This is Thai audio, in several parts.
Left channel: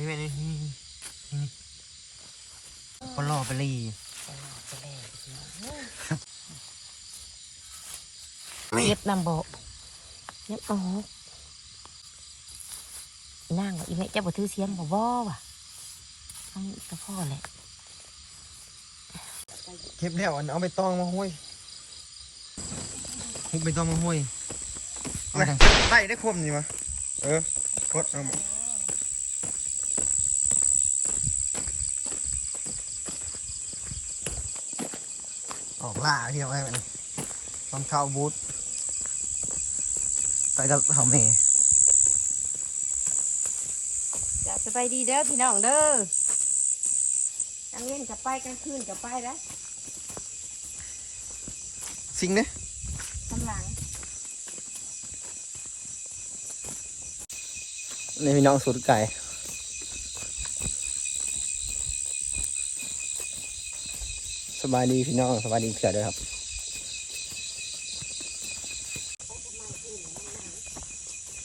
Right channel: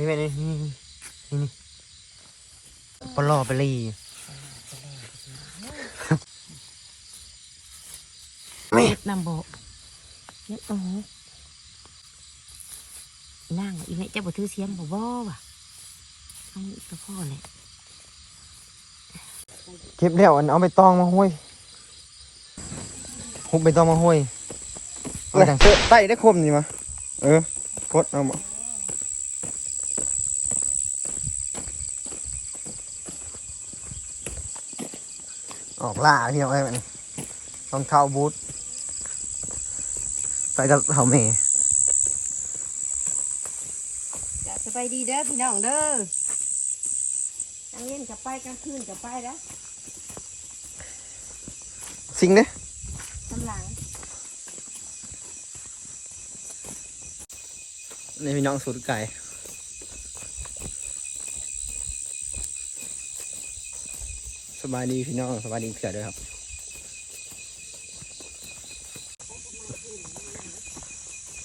นี่เป็นนี่นี่นี่นี่ปลอไปลีเม็ดนำบอกยังโอ้นั่งอีแม่เจ้าบ่ถือเสียงบ่บ่ว่ะมันก็พ่อแหละเก็บแล้วอันเอาไปตองมาห้วยหุบไปตองมาห้วยเอาจังไต่ได้คมนี่มาเออพดเอาบ่อ อกล่าพี่น้องไอ้มันรองเท้าบูทไปกับเขาเมย์จะสบายดีเด้อพี่น้องเด้อกลางเย็นกับไปกลางคืนกับไปแล้วสิงเด้กำลังนี่พี่น้องสูตรไก่ บายดีพี่น้องสบายดีเผื่อด้วยครับ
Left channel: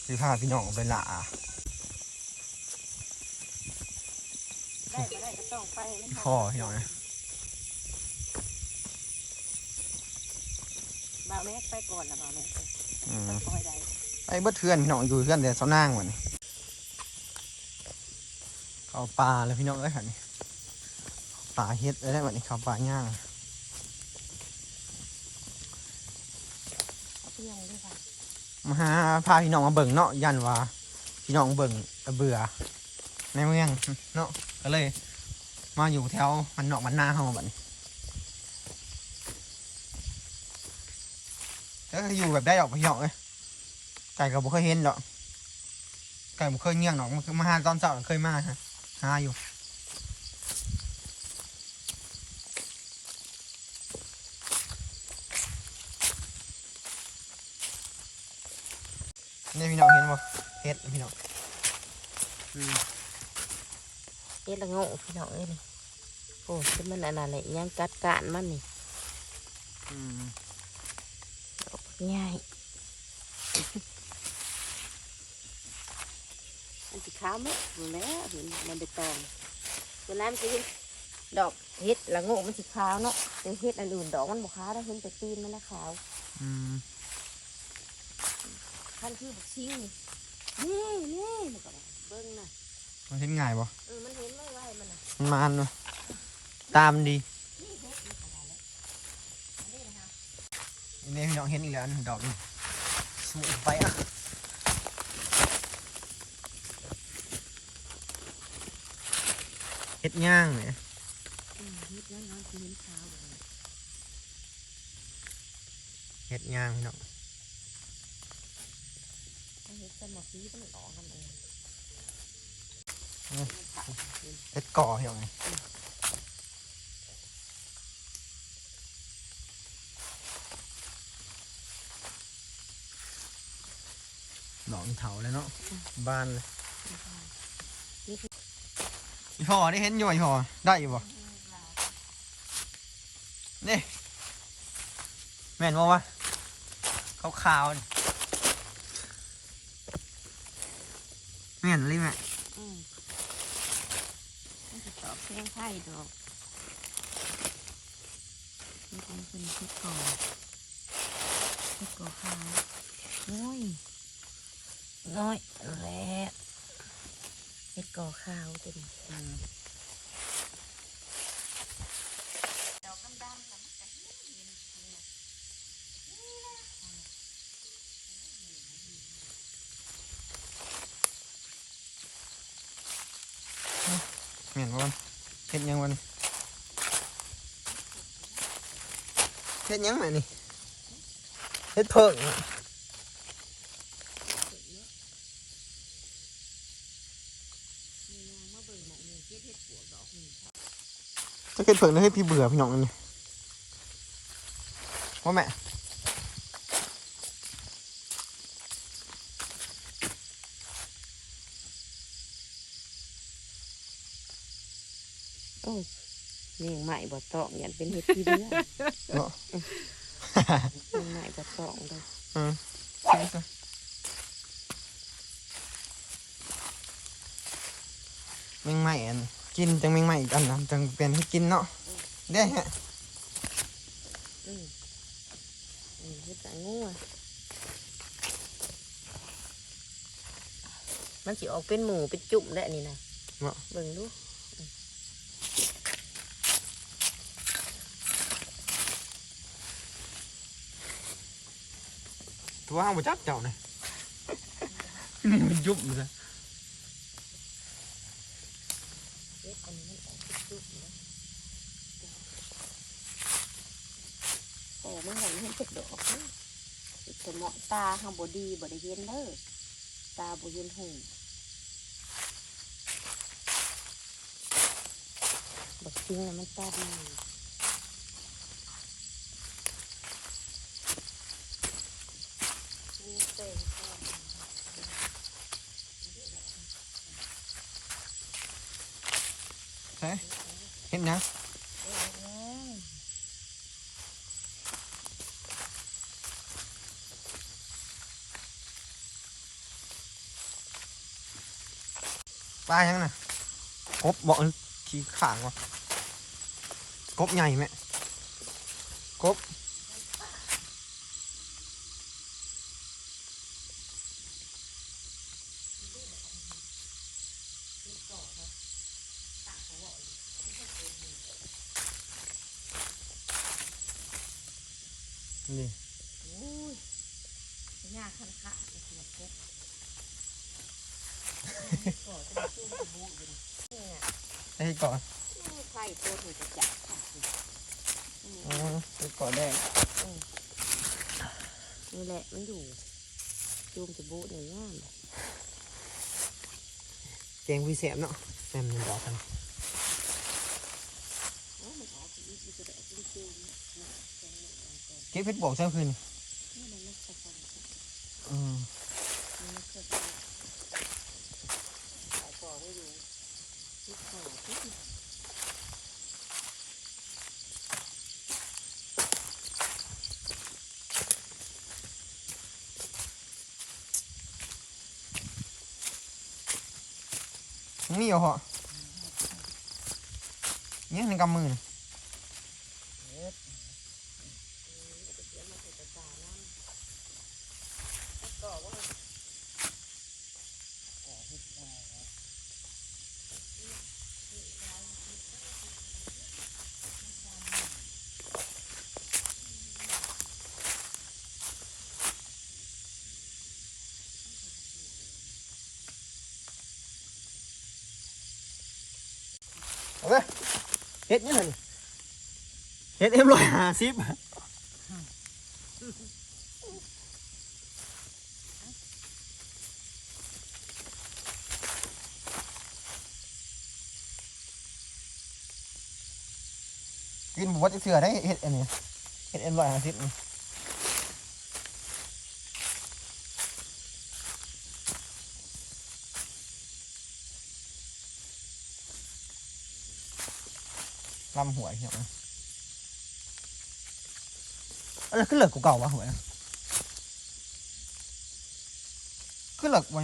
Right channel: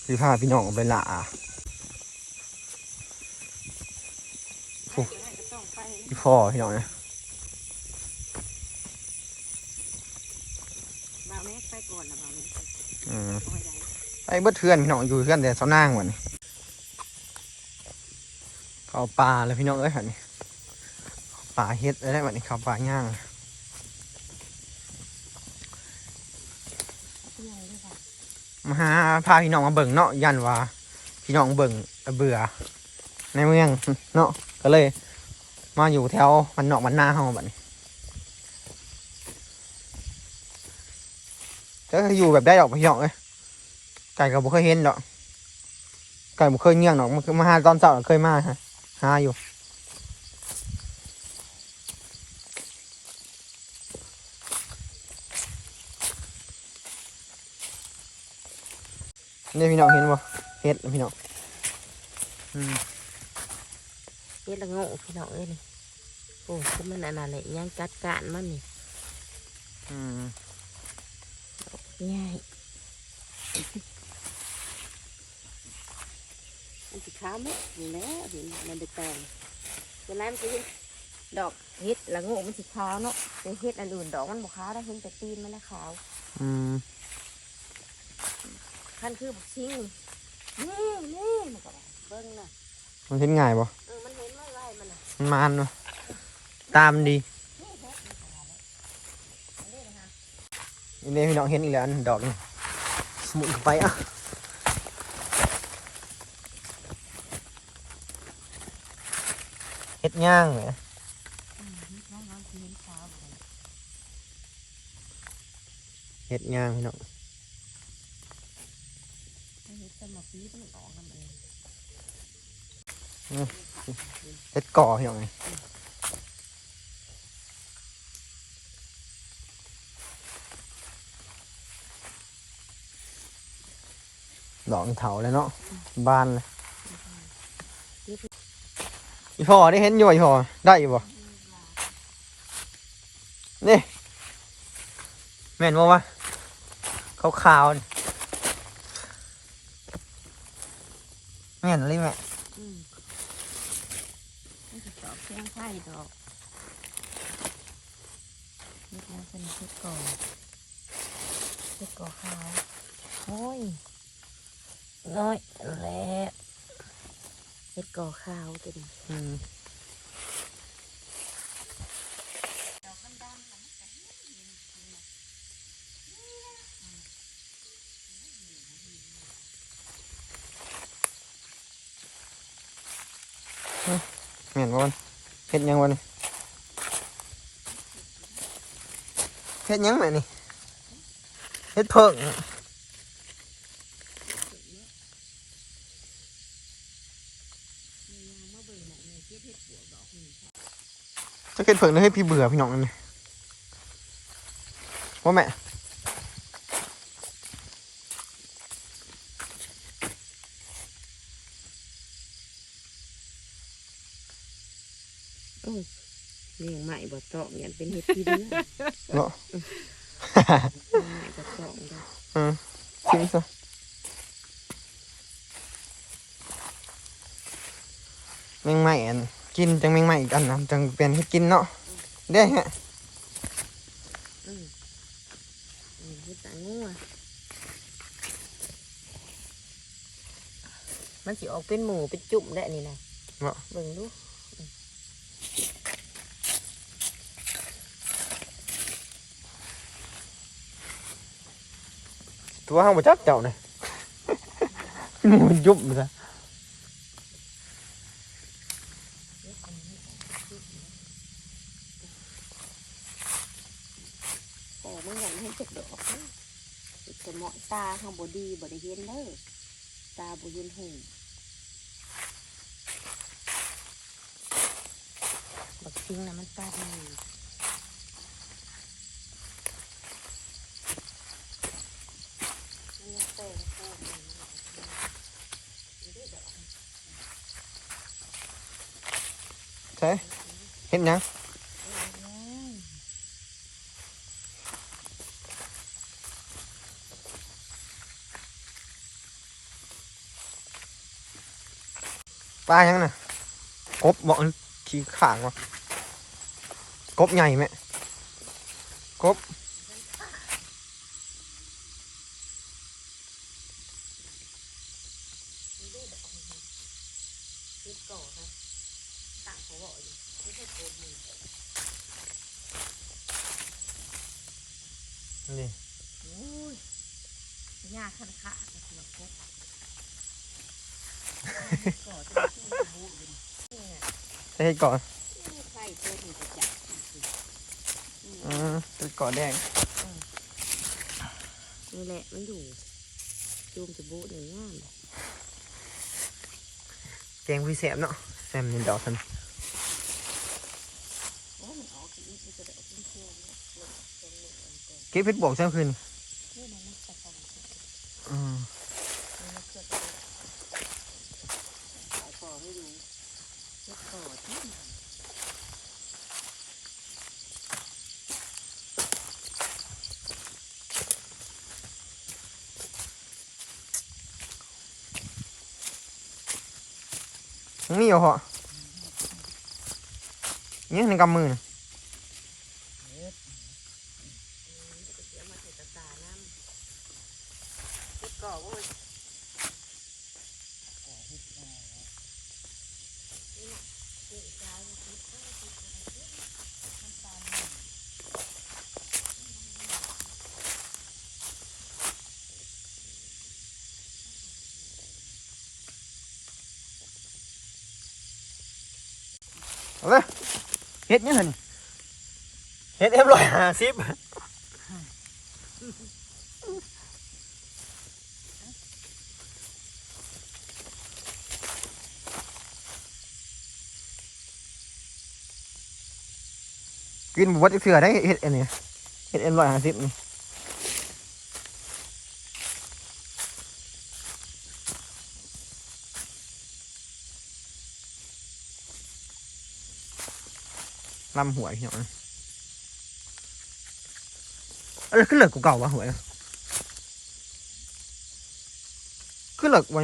พี่พาพี่น้องไปละไปก็ได้ก็ต้องไปพี่พ่อพี่น้องนะบ่าวแม่ไปก่อนละบ่าวแม่อืมคอยได้ไปเบิดเทือนพี่น้องอยู่เทือนแต่เสานางวันนี้เข้าป่าแล้วพี่น้องเอ้ยหันนี่ ป่าเฮ็ดอะไรแบบนี้เข้าป่าย่างมาหาพาพี่น้องมาเบิ่งเนาะยันว่าพี่น้องเบิ่งเบื่อ ในเมืองเนาะก็เลย มาอยู่แถวมันนอกมันหน้าเฮาบัดนี้ก็อยู่แบบได้ดอกพี่น้องเอ้ยไก่ก็บ่เคยเห็นดอกไก่บ่เคยเงี้ยงดอกมันมาหาตอนเช้าเคยมาฮะหาอยู่ นี่พี่น้องเห็นบ่เฮ็ดพี่น้องอืมเฮ็ดละโง่พี่น้องเอ้ยนี่โอ้คือมันอันนั้นแหละยังจัดการมันนี่อืมง่ายอันที่ขาวมั้ยอยู่แล้วเห็นมันได้ตองเวลามันจะเห็นดอกเฮ็ดละโง่มันสีขาวเนาะแต่เฮ็ดอันอื่นดอกมันบ่ขาวได้เห็นแต่ตีนมันนะขาวอืม คันคือบักชิงนี่นี่เบิ่งน่ะมันเห็นง่ายบ่เออมันเห็นไว้ไว้มันน่ะมันมานเนาะตามดีนี่เด้พี่น้องเห็นอีกแล้วอันดอกนี่สมุนไปอะเฮ็ดย่างเลยเฮ็ดนั่นน้อยสิเห็นขาวบ่ได้เฮ็ดย่างพี่น้อง ถ้าเฮ็ด สมาธิมันออกมันเองเฮ็ดก่อพี่น้องไงดอกเถาเลยเนาะบ้านเลยอีพ่อได้เห็นอยู่บ่อีพ่อได้อยู่บ่นี่ แม่นบ่วะขาวๆนี่แม่นเลยแม่อืมมันจะตอบเพียงไข่ดอกเฮ็ดมันเป็นเฮ็ดก่อเฮ็ดก่อขาวโอ้ยน้อยแล้วเฮ็ดก่อขาวจะดีอืม ดอกดำๆกันมันก็เห็นเห็นเห็น แม่นบ่วะเฮ็ดหยังวะนี่เฮ็ดหยังแม่นี่เฮ็ดเพิ่งอะจะเฮ็ดเพิ่งแล้วให้พี่เบื่อพี่น้องนั่นนี่ว่าแม่ โอ้ย เลี้ยงใหม่บ่ตองยันเป็นเฮ็ดที่เรื่องเนาะเลี้ยงใหม่บ่ตองเลยอืมทิ้งซะแมงใหม่อันกินจังแมงใหม่อีกอันนะจังเปลี่ยนให้กินเนาะได้ฮะอืมอืมเฮ็ดจังงัวมันสิออกเป็นหมูเป็นจุ่มได้นี่นะบ่เบิ่งดู ตัวห้างบ่จักเจ้าน่ะหนูยุบซะแต่ไม่เห็นให้เจ็บเด็กออกมาเป็นเหมาะตาข้างบดีบริเห็นเด้อตาบริเห็นหูบักทิ้งนะมันตาดี นะปลายังน่ะกบบอกขี้ขางวะกบใหญ่ไหมกบ นี่ โอ้ยยากขันขาจะเสือกบก่อจะชู้จะบุอยู่นี่น่ะ จะให้ ก่อนไฟตัวถึงจะจับค่ะอืมจะก่อนแดงนี่แหละมันอยู่จูมจะบุหนึ่งงานแกงพี่แสบเนาะแซมนี่ดอกทันโอ้มันออกอีกอีกจะได้จริงจริงเก็บเพชรบวกเช้าคืนนี่มันไม่ใช่ของอืม ขายของไม่อยู่เฮ็ดก่อที่ ยัง มีอยู่เหรอเนี่ยในกำมือนะ เฮ็ดเดี๋ยวมาใส่ตะกร้าน้ำเฮ็ดก่อว่า เอาเลย เฮ็ดยังไงเห็ดเอ็มร้อยห้าสิบกินบวชอีกเสือได้เห็ดอันนี้เห็ดเอ็มร้อยห้าสิบนี่ องนะเอ้ยขึ้นเหลือกกูเก่าวะหัวเนี่ยขึ้นเหลือกวั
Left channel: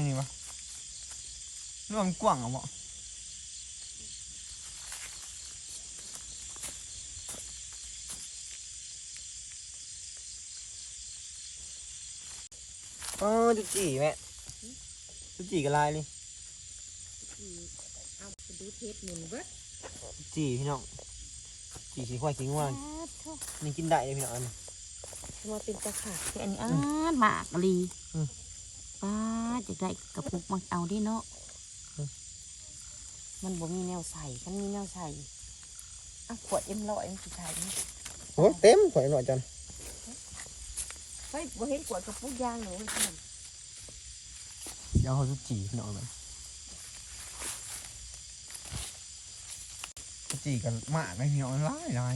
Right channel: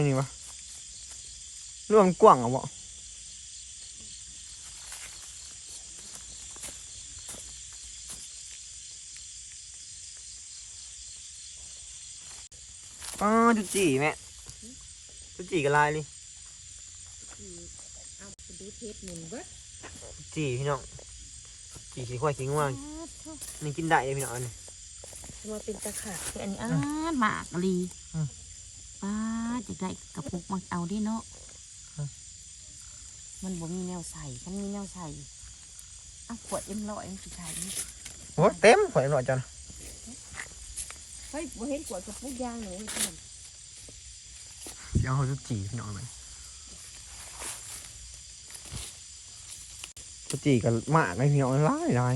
นนี้วะเรื่องมันกว้างเหรอวะอ๋อจุจีแม่จุจีกับลายนี่เอาไปดูเทปหมุนเบิดจุจีพี่น้องจีสีควายสีง่วงนี่กินได้เลยพี่น้องอันนี้มาเป็นตะขาบคืออันนี้อ่านหมากลีอืมป้าจะได้กระปุกมาเอาดิเนาะอืมมันบ่มีแนวใส่ฉันมีแนวใส่อะขวดเอ็มร้อยมันสิใส่นี่โอ้เต็มข่อยหน่อยจังเฮ้ยบ่เห็นขวดกระปุกยางหนูเพื่อนเดี๋ยวเขาจะจีพี่น้องเล ยจะจีกันมากเลยพี่น้องร้ายร้าย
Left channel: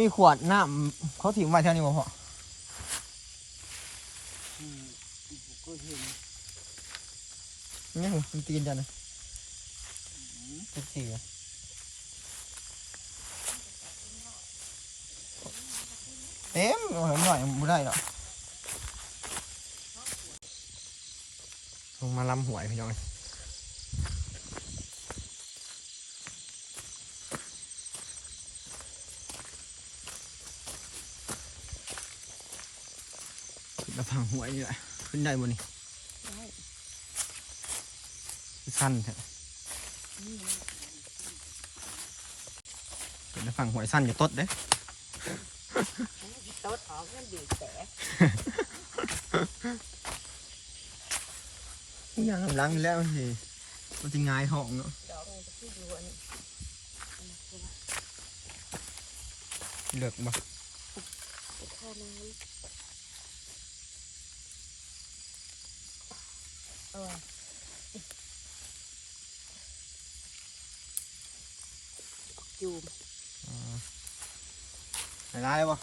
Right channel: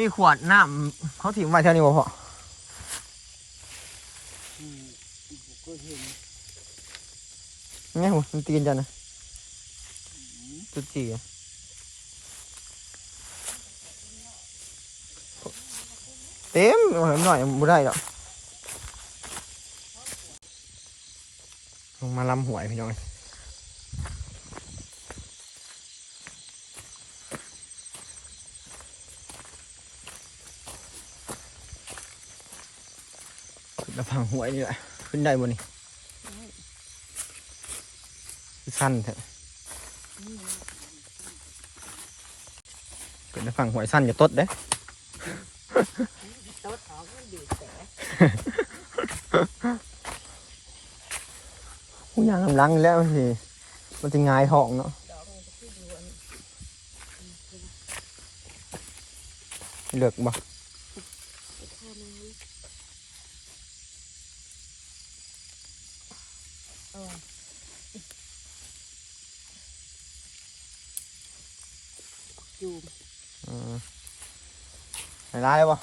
มีขวดน้ำเขาถิ่มไว้เท่านี้บ่พอก็เห็นเนี่ยหัวมันตีนจังนะจะจีเต็มเอาหน่อยบ่ได้หรอก งมาลำหวยพี่น้องขึ้นมาพังหวยนี่แหละขึ้นได้บนนี่สั้นเถอะขึ้นมาพังหวยสั้นอย่าตดเด้ตดออกมันดีแต่ ผู้ยังกำลังแล้วสิมันจะงายท้องเนาะดอกมันจะขึ้นอยู่อันเลือกบ่ไปข้าน้ำเออจูมอืมไหนร้ายบ่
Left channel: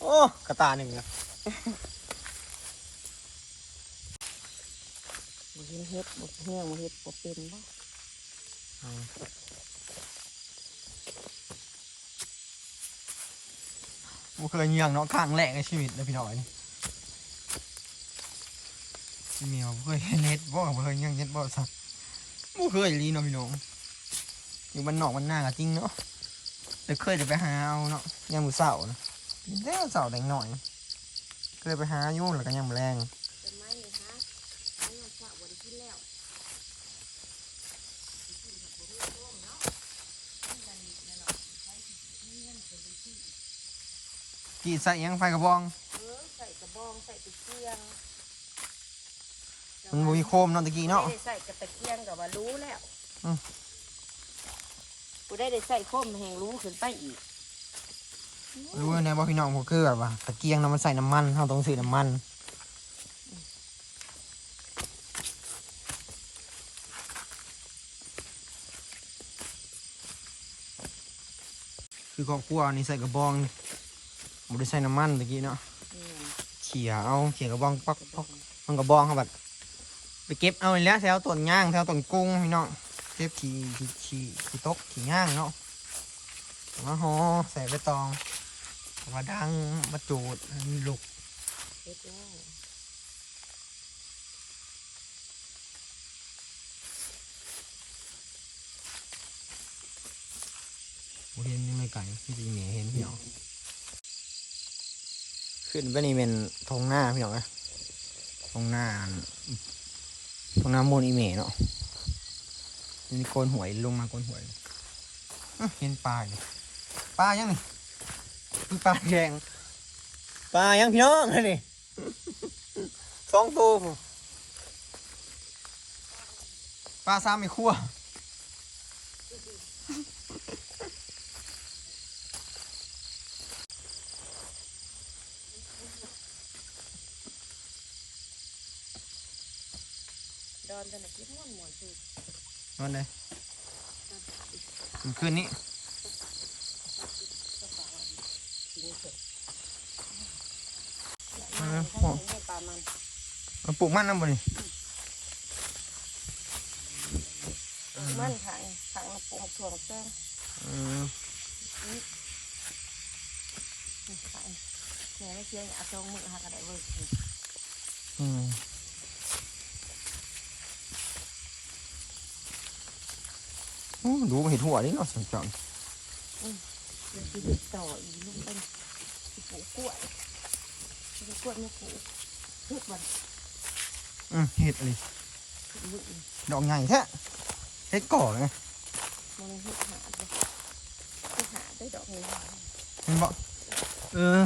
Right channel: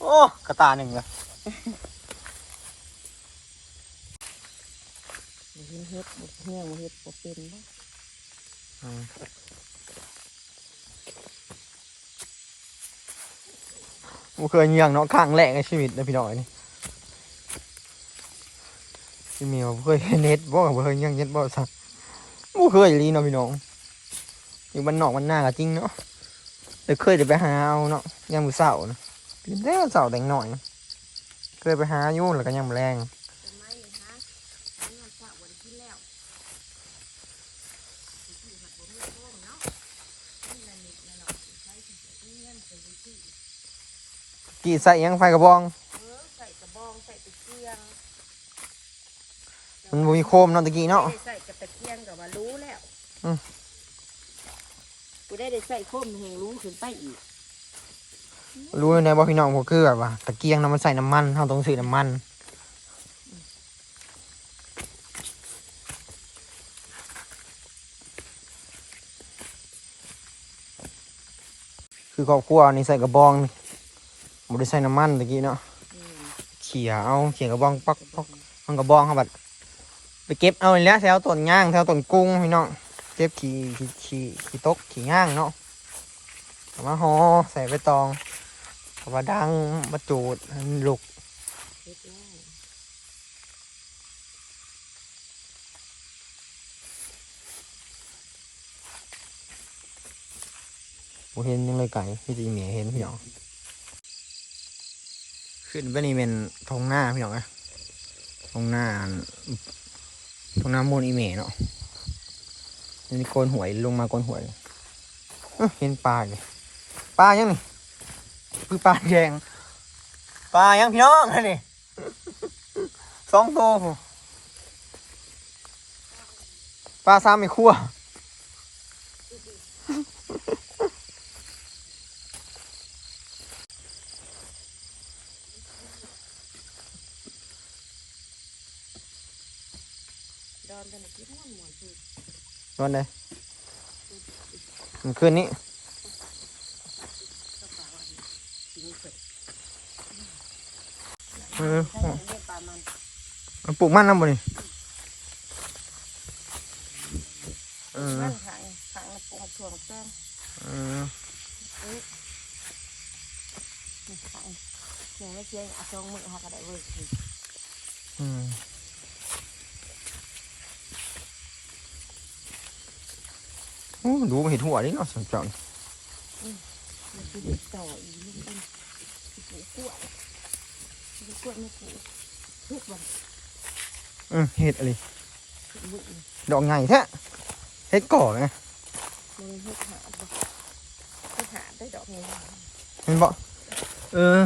โอ้กระตาหนึ่งเลย เห็นเฮ็ดบ่แห้งเฮ็ดบ่เป็นบ่อืมบ่เคยเยี่ยงเนาะข้างแรกในชีวิตเลยพี่น้อยนี่พี่เมียวบ่เคยเห็นเน็ตบ่บ่เคยเยี่ยงเน็ตบ่สักบ่เคยอีหลีเนาะพี่น้องอยู่บ้านนอกบ้านหน้าก็จริงเนาะแต่เคยจะไปหาเอาเนาะยามมือเช้านะเป็นแต่เช้าแตงหน่อย เคยไปหาอยู่แล้วก็ยามแรง เป็นไม้ฮะนี่มันฝากวันที่แล้ว กี่ใส่หยังไฟกระบองเออใส่กระบองใส่ตะเกียงมันบ่มีโคมเนาะตะกี้เนาะไม่ได้ใส่กระตะเกียงกับว่ารู้แล้วอืมกูได้ได้ใส่โคมแห่งรู้ขึ้นไปอีก รู้ในบ่พี่น้องผมคือแบบว่าตะเกียงน้ำมันใส่น้ำมันเราต้องซื้อน้ำมัน คือครอบครัวนี่ใส่กระบองบ่ได้ใส่น้ำมันตะกี้เนาะนี่เขี่ยเอาเขี่ยกระบองปักกระบปัอกงมันกระบองเขาบัดไปเก็บเอาอีกแล้วแถวต้นย่างแถวต้นกุ้งพี่น้องเก็บขี่ขี่ขี่ขี่ตกขี่ย่างเนาะเอามาห่อใส่ใบตองเอามาดังมาจูดให้มันลุก เฮ็ดแล้วบ่เห็นยังเลยไก่พี่จีเหมียเห็นพี่น้องขึ้นไปนี่เป็นทงหน้าพี่น้องนะทงหน้าทงหน้ามูลอีเมเนาะนี่โกนหวยลงมาโกนหวยเห็นปลาอยู่ปลายังนี่คือปลาแดงปลายังพี่น้องนนี่สองตัวปลาซ้ำไม่คั่ว ดอนตะนักกินม่วนม่วนคือ วันไหนมันคืนนี้เสร็จเออใช่เนื้อปลามันมันปลูกมันน้ำบ่นี่มันขังขังปลูกถั่วแจ้งเออนี่ขังเดี๋ยไม่เชี่ยเอาจองมือหากระไดเว้ยอืมโอ้ ดูมันเห็นหัวนี่เนาะสังจรมันคือเด็กต่ออีกลูกเป็นสิปลูกกล้วยสิปลูกกล้วยไม่ปลูกทุกวันอืมเห็ดอะไรทุกมื้อนี่ดอกใหญ่แท้เห็ดก่อไงมันเฮ็ดหาเฮ็ดหาได้ดอกไม้เห็นบ่เออ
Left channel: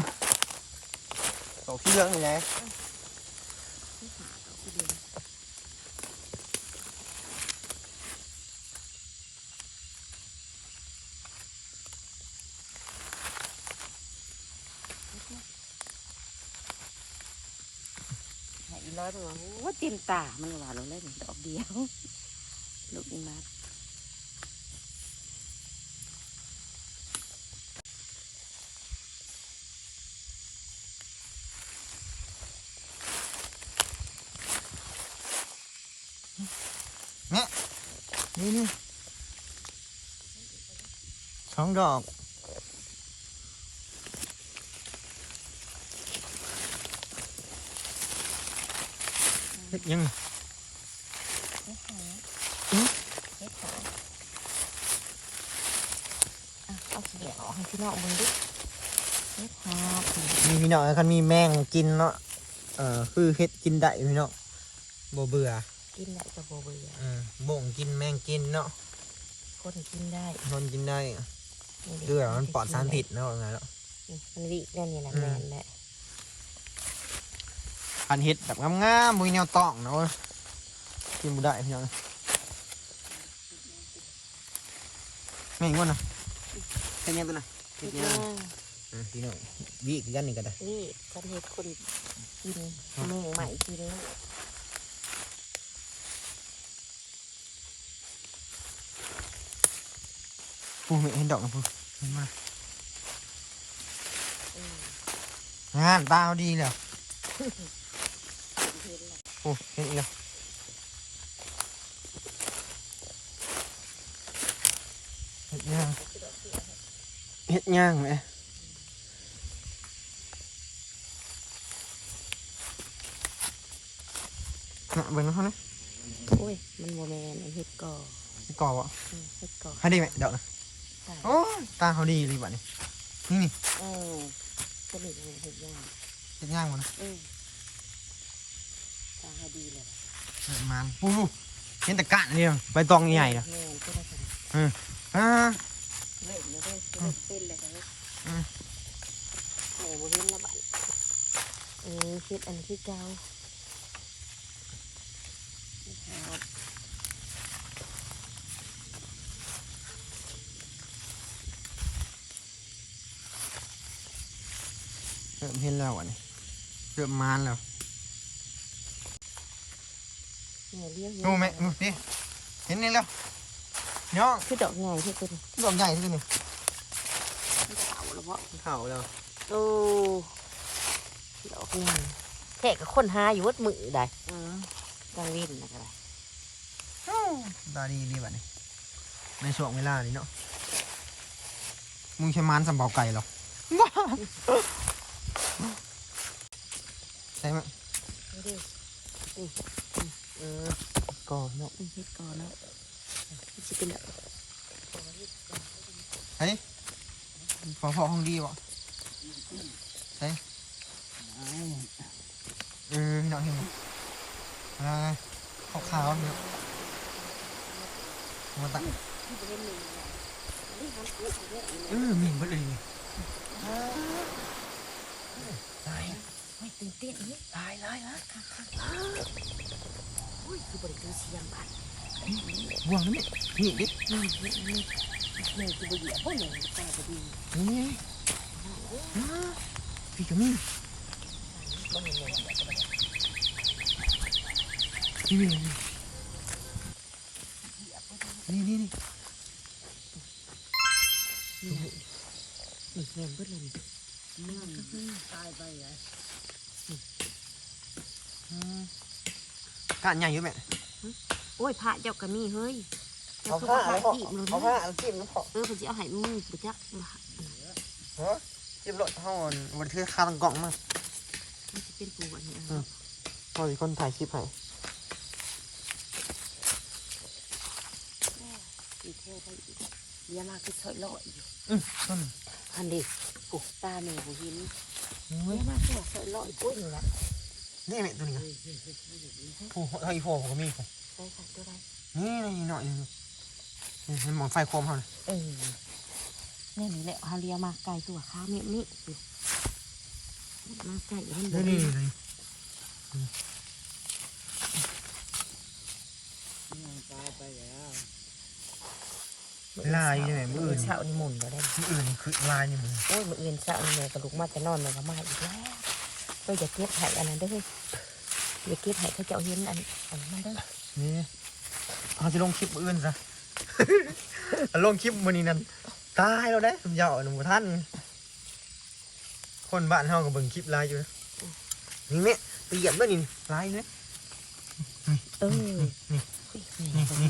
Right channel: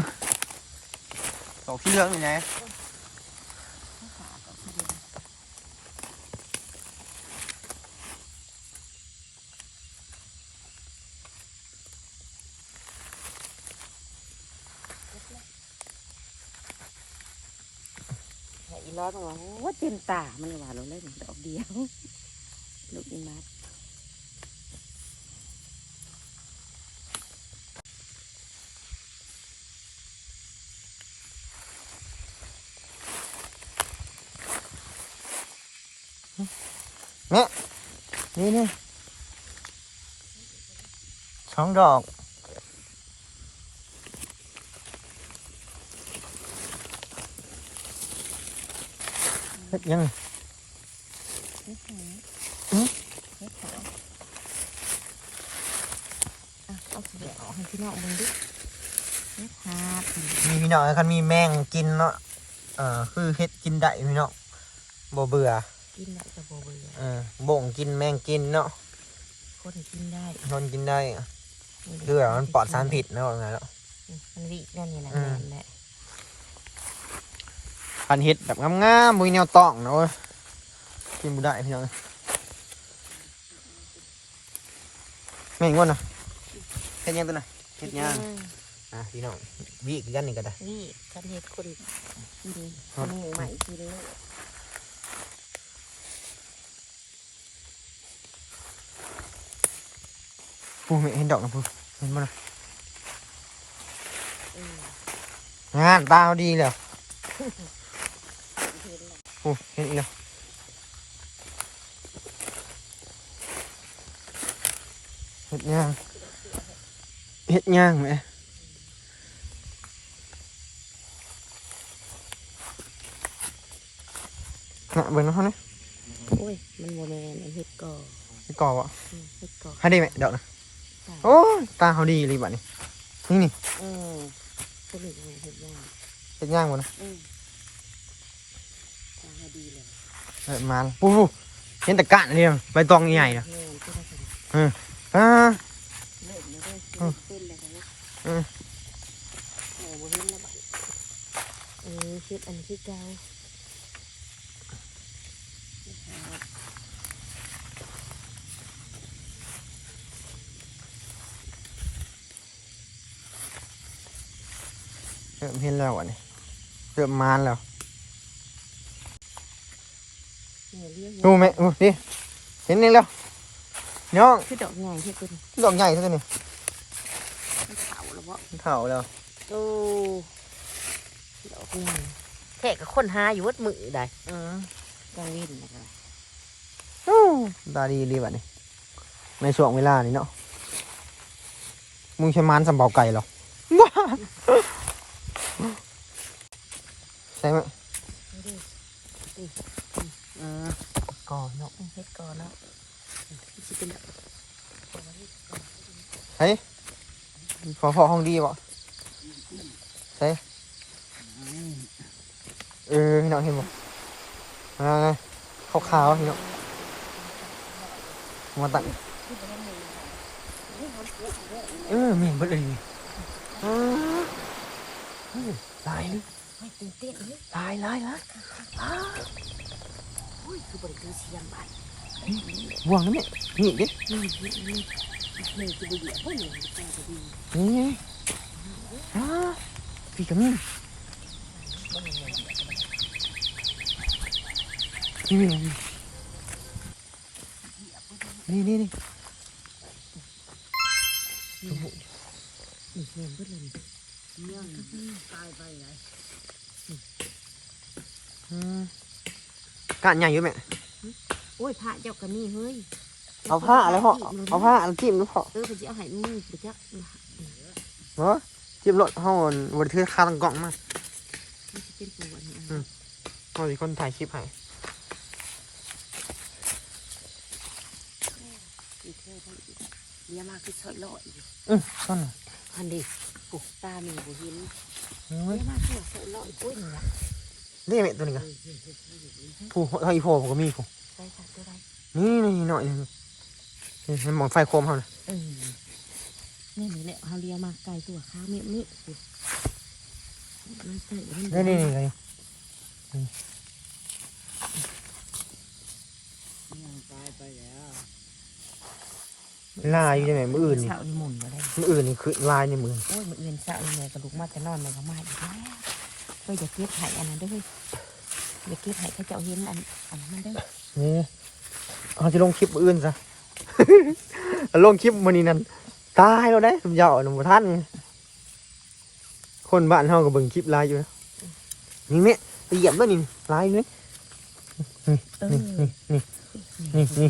ดอกที่เหลืองนี่ไงเห็น แล้วมันว่าโอ้เต็มตา มันว่าเราเล่นดอกเดียวลูกอีมานี่นี่สองดอก ดยังฮ็ดหัวอืมเฮ็ดหัวอะเอาสีแดงออกให้พี่น้องมึงดิเฮ็ดหัวมีพี่น้องคันมีแมงกินเนาะเอ่อคือเฮ็ดกินได้พี่น้องบ่เบื่อ กินได้กับโบเบื่อเออบ่งกินแมงกินเนาะ คนกินได้ทนกินได้เรือมันปลอดสารพิษเนาะว่าไงเนาะนี่มันวิแน่นี่นะอืแม่มนแหละ คันเฮ็ดแบบงามๆบ่มีแนวต้องเนาะเว้ยกินบ่ได้พี่น้องแม่งว่น่ะเฮ็ดหยังตัวน่ะเฮ็ดหยังอะพี่น้องวิคือกันนี่ก็ได้นี่ฉันเฮ็ดคนกินคนหมูใหม่กินเลยปูเห็นดอกนะปูเห็นบ่นะงานตาเขาดีแล้ว ปูเห็นอีกแล้วเห็ดย่างเห็ดย่างไหมน่ะเบิ่งนะเขาเนี่ยโอ้ยมันโมแม ตายโอ้ยตาเขาดีเลยบัดนี้นี่นี่เออก็เลยเฮ็ดย่างเห็ดย่างหมดนะอืมตาให้ดีเลยเออมาแล้วปูปูเห็นแต่กะนี่เลยใบตองใหญ่ๆนะแม่นก็ได้กันอ่าเลิกเลยเด้อเลิกเป็นเลยกันเนาะอืมโอ้บ่เห็นแล้วบัดเออเฮ็ดอันที่เก่าครับเริ่มเห็นแล้วอันนี้เริ่มมานแล้ว เนี่ยเลี้ยง ดูไหมดูดิเห็นนี่แล้วน้องคือดอกใหญ่ที่เป็นดอกใหญ่เท่านี้มันเผาแล้วบ่เถ่าแล้วโอ้ดอกใหญ่แค่กับคนหาอยู่วัดมือได้อืมกลางวินนะครับตาดีดีบัดนี้ในช่วงเวลานี้เนาะมึงใช้มานสำเบาไก่เหรอว้าใช่ไหมนี่ดิ อืมก่อนเนาะเอาเฮ็ดก่อนแล้วนี่สิเป็นแบบเฮ้ยพอพอห้องดีบ่ใช่เออพี่น้องเห็นบ่อ่าขาวๆพี่น้องมาตัดเออมีเบิดเลยนี่ตายเลยไม่ตื่นเต้นเลยตายลายละโอ้ยคือบริการเสียงบัดบ่วงนะเนี่ยนี่ดินี่นี่นี่นี่คือบริการพวกนี้แต่ก็ดีนี่ไงอ้าพี่กระมิ่งนี่นี่นี่นี่นี่นี่เห็นเบิดเลยนี่เรื่องก็คืออืม กานใหญ่อยู่ไหมโอ้ยผ้าเจ้าก็มีเฮ้ยเอาผ้าอะไรพ่อจีบลงเอาผ้าเอาจิ้มดูพ่อเออเพิ่นสิเอาให้มือไปจักเนาะจิ้มรถเฮาวันที่คาตังกล่องมามันสิเป็นปูอันนี้อืมเฮาสิคนถ่ายคลิปให้อีกแค่ได้อีกเยอะมากคือซอยลอยอืมต้นน่ะอันนี้ปูตาแม่บ่เห็นเฮ้เยยอะมากคือซอยลอยปุ้ยนี่แหละ นี่แม่ตัวนี้กันผู้เฮาอีโฟผมก็มีผู้ใช่ค่ะตัวใดนี่นี่หน่อยนึงนี่มันมอนไฟโคมเฮาน่ะเออนี่นี่แหละฮาเลียมาไก่ตัวขาเมียนี่มาไก่มันนี่นี่เลยตายไปแล้วลายอยู่จังไงมืออื่นนี่เช้านี่หมุนมาได้มืออื่นนี่คือลายในมือโอ้ยมื้ออื่นเช้านี่แม่กระดูกมาจะนอนแล้วก็มาอีกแล้ว เพิ่นจะเก็บให้อันนั้นเด้ออย่าเก็บให้เขาเจ้าเห็นอันอันนั้นเด้อนี่เขาจะลงคลิปมื้ออื่นซะ ลงคลิปมื้อนี้นั่นตายแล้วนะผมยาวหนุ่มท่าน คนบ้านเฮาก็เบิ่งคลิปลายอยู่นะนี่แม่ไปเหยียบแล้วนี่ลายเลยเออนี่นี่นี่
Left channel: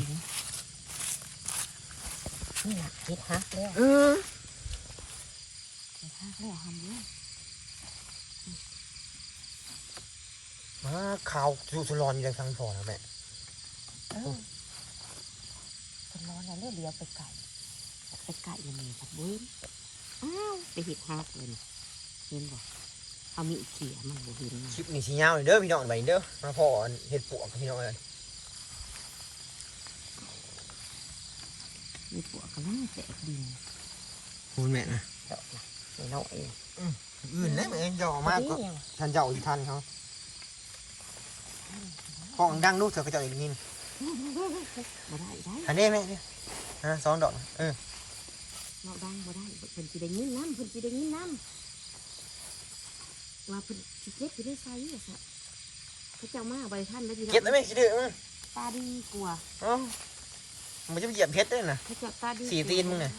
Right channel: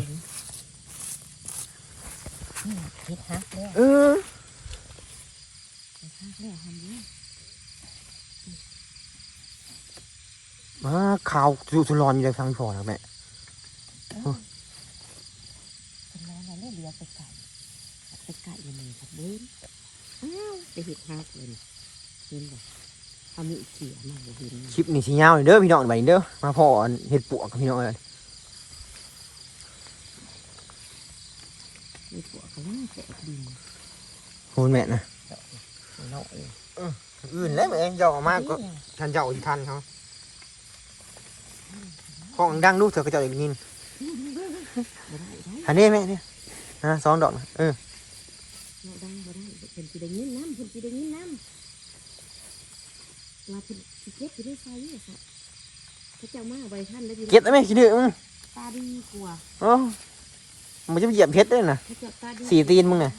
นี่ล่ะเฮ็ดฮักแล้วเออเฮ็ดฮักแล้วทำเด้ มาข่าวสุสุรอนอยู่ในทางพอแล้วแม่เออเป็นร้อนแล้วเนี่ยเลี้ยวไปไก่ไปไก่ยังไงครับเบิ้ลอ้าวไปเห็ดฮักเลยนี่เห็นบ่เอามีดเขี่ยมันบ่เห็นคลิปนี้สิยาวนี่เด้อพี่น้องบัดนี้เด้อมาพออันเฮ็ดปวกพี่น้องเอ้ยมีปวกกระลังแตกดินพูดแม่นะดอกนะเนาะเองอื่นแล้วแม่เจ้าเอามาก็เดี๋ยวทันเจ้าอีกทันเขา ของดังลูกเถอะก็เจ้าอีกนินบ่ได้ได้อันนี้แม่เนี่ยฮะสองดอกนะเออเนาะดังบ่ได้เพิ่นสิได้ยินน้ำเพิ่นสิได้ยินน้ำว่าเพิ่นสิเก็บสิได้ใส่อะซะพระเจ้ามาบ่ได้ทันแล้วอยู่เก็บได้ไหมคิดดื้อมึงตาดีกว่าอ๋อมันจะไปเหยียบเพชรด้วยนะพระเจ้าตาดีสี่ตีนมึงน่ะ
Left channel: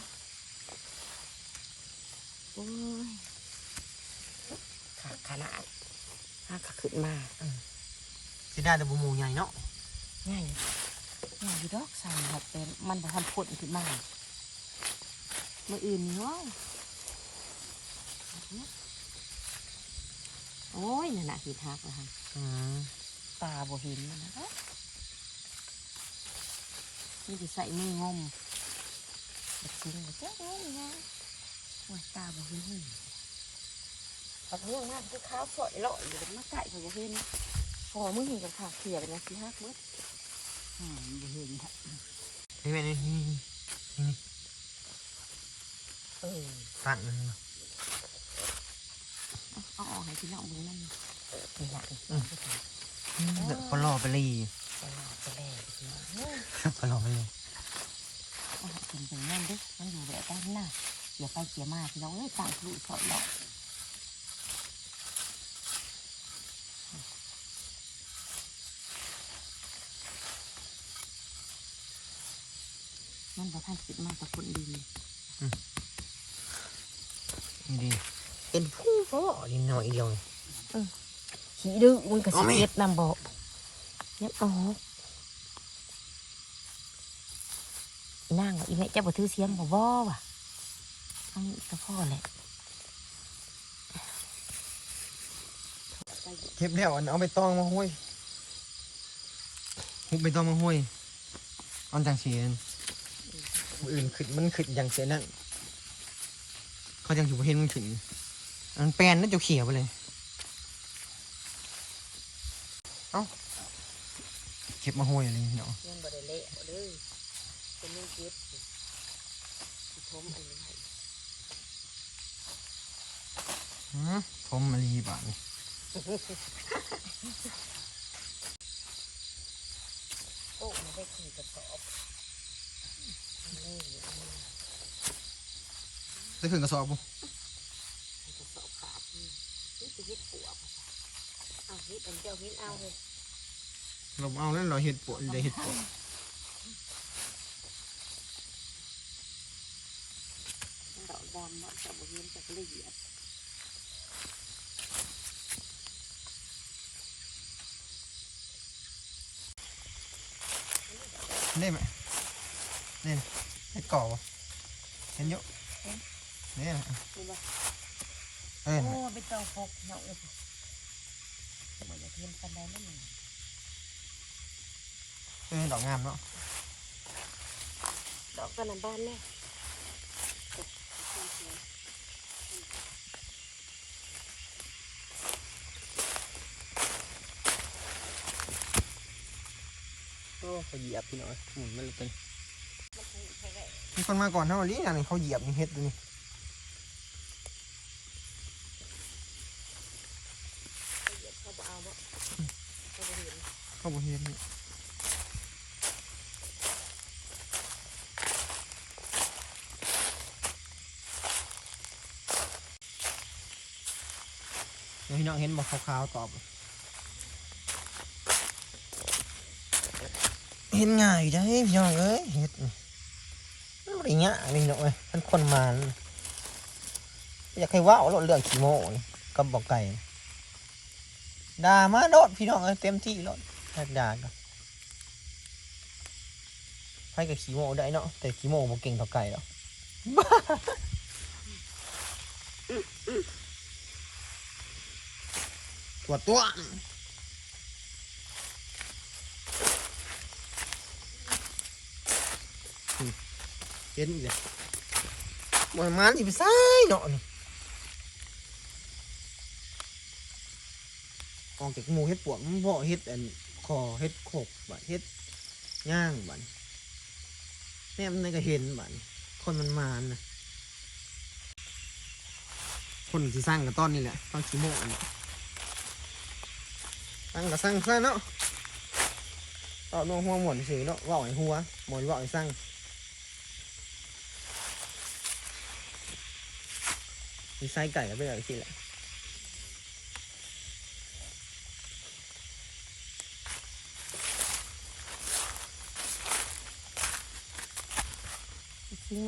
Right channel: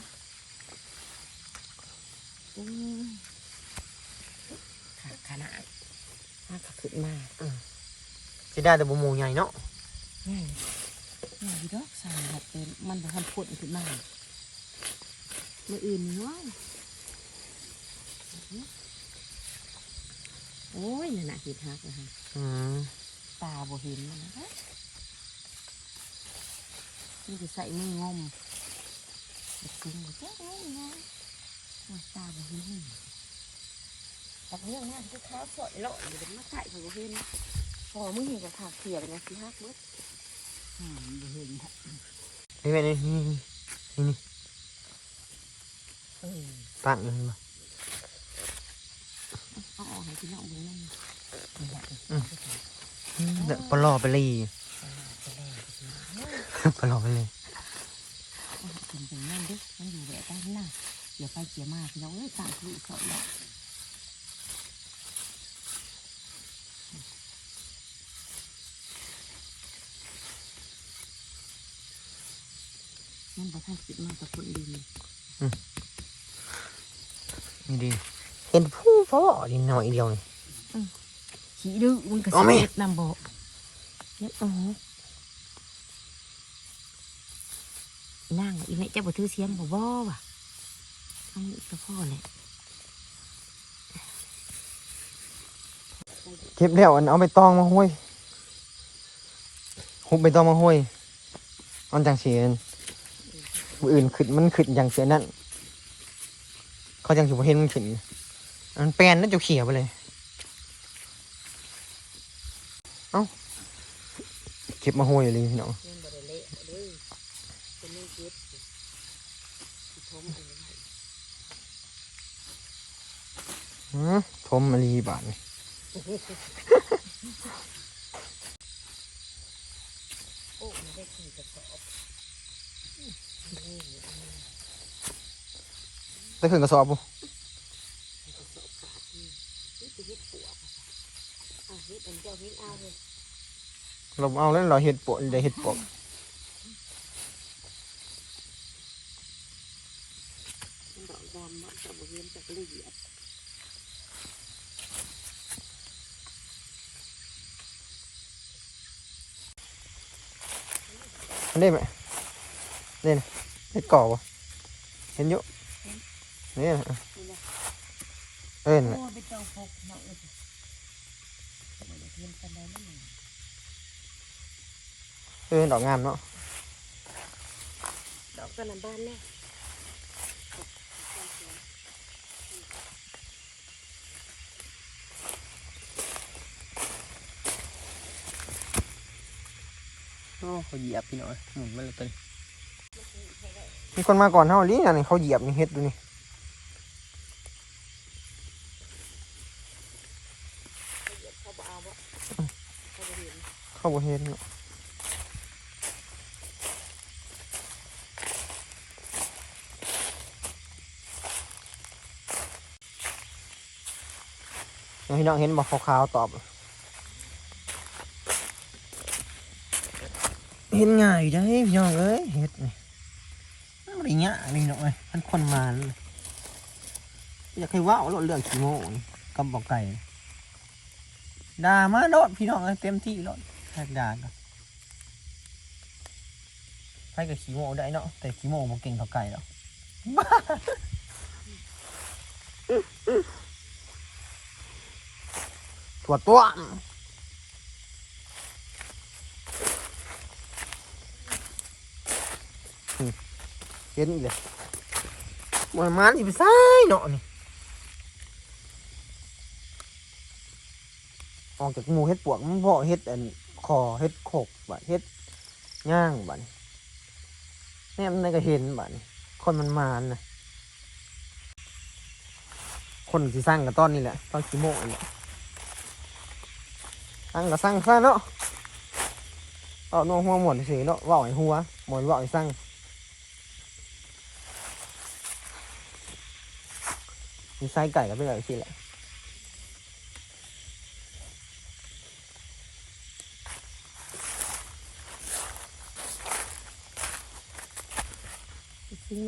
โอ้ยขาดขนาดถ้าขาขึ้นมา จะได้แต่บุมูใหญ่เนาะง่ายง่ายอยู่ดอกใส่แบบเป็นมันบ่ทันพ่นขึ้นมามื้ออื่นนี่ว้าวโอ้ยนั่นน่ะเห็ดฮักนะฮะอืมตาบ่เห็นมันนะนี่จะใส่มืองมแบบจริงเลยเจ้าเอ้ยนะโอ้ยตาบ่เห็นปักเรื่องมากคือขาวสดเลาะอยู่บนหน้าไก่ของบ่เห็น พอมึงเห็นกับขาเขียไปนะสิฮักเล็กอ่าบ่เห็นค่ะนี่แม่นี่นี่นี่เออตั้งมันมาเอาออกให้พี่น้องดูนั่นนี่แหละเดี๋ยวปลอไปเลยปแล้วพี่น้องเอ้ยปลอไปเลยอาเป็นเป็นนั่นดิมันอยู่แบบด้านหน้าเกี่ยวไปเกี่ยมาพี่น้องเอ้ยต่างคือสอยดอก มันบ่ทันขึ้นมาแต่คนดีนี่ดีเห็นผู้ฟอดินหน่อยเดียวนี่ขี้ดื้อมันก็เอาสิไหมเอ็ดนำบอกยับออกนั่งอีแม่เจ้าบ่ถือเสียงบ่บ่ว่ะทั้งสะพ่อแหละเก็บแล้วอันเอาไปตองมาห้วยหุบไปตองมาห้วยอันจังเสียน มืออื่นขึ้นมันขึ้นอย่างเสียนั่นเขาจังสิบ่เห็นมันขึ้นอันแปลนนั่นจะเขียวไปเลย เอ้าเก็บมาห้วยเลยพี่น้องยังบ่ได้เละเด้อเป็นยังเก็บอยู่สิทมอันนี้ไว้หือทมมารีบาทนี่ โอ้มันได้ขี่กระสอบนี่อันนี้ ได้ขึ้นกระสอบปุ๊กระสอบขาดนี่นี่จะเฮ็ดปวกอะค่ะเอาเฮ็ดอันเจ้าเฮ็ดเอาเลยเราเอาแล้วเราเห็ดปวดได้เห็ดปวกมันดอกดำมันจะบ่เห็นจากละเอียดได้ไหมนี่นะเห็ดก่อวะเห็นเยอะ นี่นะนี่นะเอ้ยโอ้นะเป็นเจ้าพกเนาะเอ้ยแต่บ่ได้เทียมกันได้นั่นนี่เอ้ยดอกงามเนาะดอกกันน้ำบ้านแน่โอ้เขาเหยียบพี่น้อยหมุนมันเลยเป็นมีคนมาก่อนเท่านี้นะนี่เขาเหยียบนี่เห็ดดูนี่ เขาบ่เอาบ่เขาบ่เห็น เขาบ่เห็นเนาะเดี๋ยวพี่น้องเห็นบอกขาวๆตอบ เห็นง่ายได้พี่น้องเอ้ยเห็ดนี่อะไรเงี้ยพี่น้องเอ้ยมันคนมาเลยอยากให้ว่าวเราเรื่องขี้โม่กับบอกไก่ด่ามาโดดพี่น้องเอ้ยเต็มที่โด ดแทกด่ากันให้กับขี้โมได้เนาะแต่ขี้โมบ่เก่งเท่าไก่หรอกตัวตัวเห็นอีกเลยบ่ให้มันสิไปซ้ายเนาะนี่ออกจากหมูเฮ็ดปวกมันบ่เฮ็ดอัน คอเฮ็ดโขกบัดเฮ็ดย่างบัดแม่มันก็เห็นบัดนี่คนมันมานนะคนที่สร้างกับต้นนี่แหละตอนกี่โมงอันนี้สร้างก็สร้างซะเนาะเอาโน้หัวหมดเฉยเนาะว่าให้หัวหมดเว่าให้สร้างมีไส้ไก่ก็ไปเลยสิแหละซิงมันจะได้กว่าห้าเยอะ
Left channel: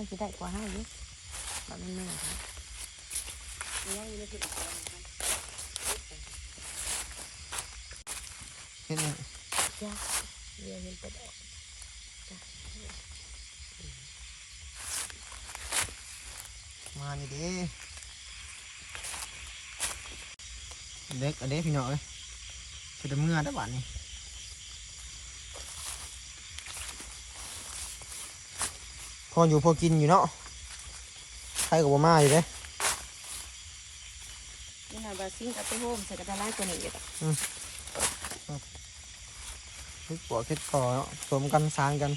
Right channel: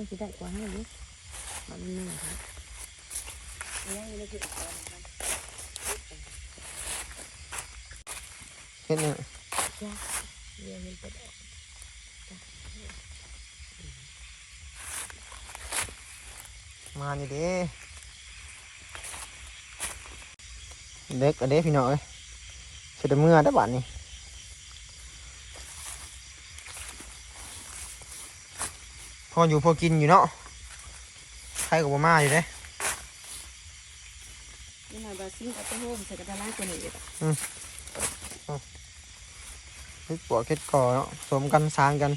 ยครับเนี่ยยังไม่ถึงเห็นไหมจ้าเรียนเป็นออก มานี่เด้เด็กอันเด้ พี่น้องเอ้ยเสร็จเมื่อได้อบ้านนี่พออยู่พอกินอยู่เนาะใครกับบ่มาอยู่เด้นี่หน่อยบาซิงกับตัวโฮมใส่กระดาษล้างตัวนี้อยู่เฮ็ดปวกเฮ็ดก่อเนาะสวมกันสร้างกัน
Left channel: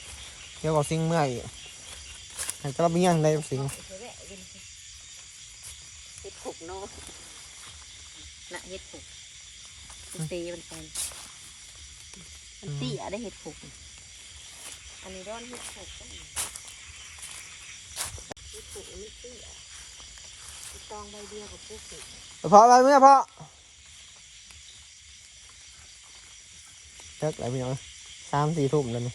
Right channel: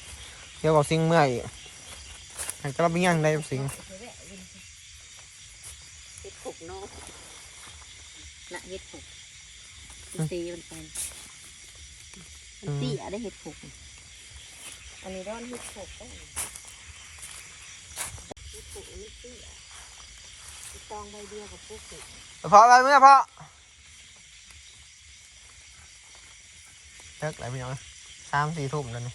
เดี๋ยวบอกสิ่งเมื่อยให้กระเบียงได้สิ่งเห็ดผกเนาะน่ะเห็ดผกตีมันไปมันเตี้ยได้เห็ดผกอันนี้ร้อนเห็ดผก เห็ดผกมันเตี้ยตองใบเดียวกับพวกเห็ดพอไปเมื่อพอเลิกแล้วพี่น้องเอ้ยสามสี่ทุ่มแล้วนี่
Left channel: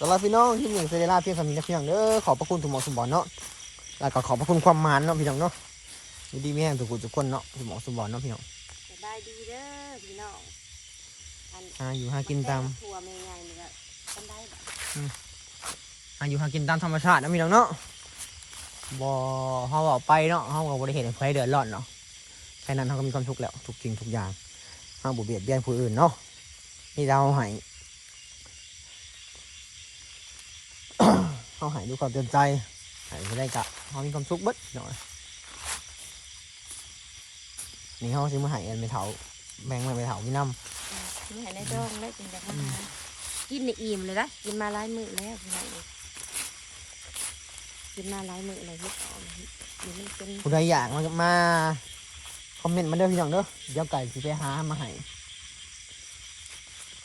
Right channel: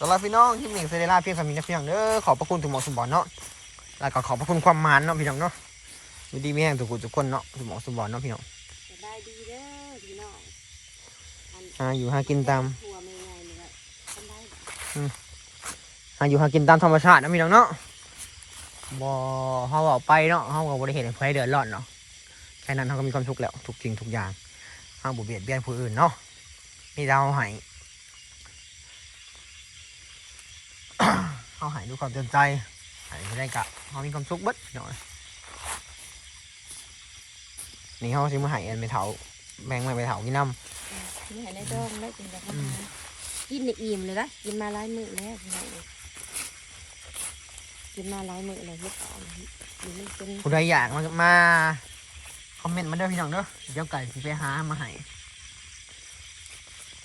สำหรับพี่น้องที่เมียงเซเดล่าเพียงสามีนะพี่น้องเด้อขอบพระคุณทุกหมอสมบัติเนาะแล้วก็ขอบพระคุณความหมานเนาะพี่น้องเนาะ อยู่ดีไม่แห้งทุกคนทุกคนเนาะทุกหมอสมบัติเนาะพี่น้องสบายดีเด้อพี่น้องหาอยู่หากินตามทัวร์ไม่ไงนี่ก็ทำได้แบบหาอยู่หากินตามธรรมชาตินะพี่น้องเนาะบ่เฮาเอาไปเนาะเฮาก็บ่ได้เห็นใครเดือดร้อนเนาะแค่นั้นเฮาก็มีความสุขแล้วทุกสิ่งทุกอย่างเฮาบ่เบียดเบียนผู้อื่นเนาะนี่เราให้เฮาให้ด้วยความเต็มใจให้ไม่ได้กะเฮามีความสุขเบิดเนาะ นี่เฮาสิมาให้อันไปเถาแบ่งมาไปเถากินน้ำไม่เห็นในดองได้จริงจังมาหากินในอิ่มเลยนะกินมาหลายมื้อแล้วพี่น้องเอ้ยกินมาหลายมื้อเลยเฮ็ดเอานี่มันเป็นผู้ใดอยากมามาคอมเมนต์มาเด้อพี่น้องเด้อเดี๋ยวไก่สิไปหามาให้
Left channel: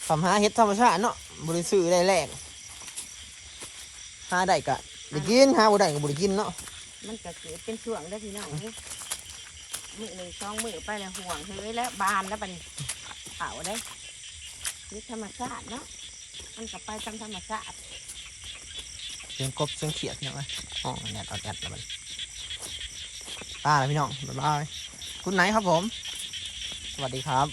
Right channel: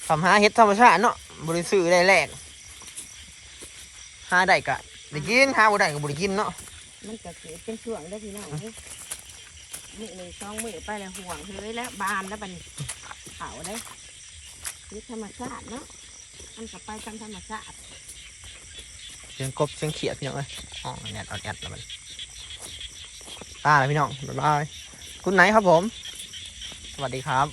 ทำหาเฮ็ดธรรมชาติเนาะบริสุทธิ์ได้แรกหาได้กะได้กินหาบ่ได้ก็บ่ได้กินเนาะมันก็เกิดเป็นช่วงได้อพี่น้องเอ้ย มือหนึ่งสองมือไปแล้วห่วงเฮ้ยแล้วบานแล้วบันเผาได้ยึดธรรมชาติเนาะมันกับไปตามธรรมชาติเสียงกบเสียงเขียดพี่น้องเอ้ยอ๋อแนดเอาแอดแล้วมันตาเลยพี่น้องบ๊ายบายคุณไหนครับผม สวัสดีครับ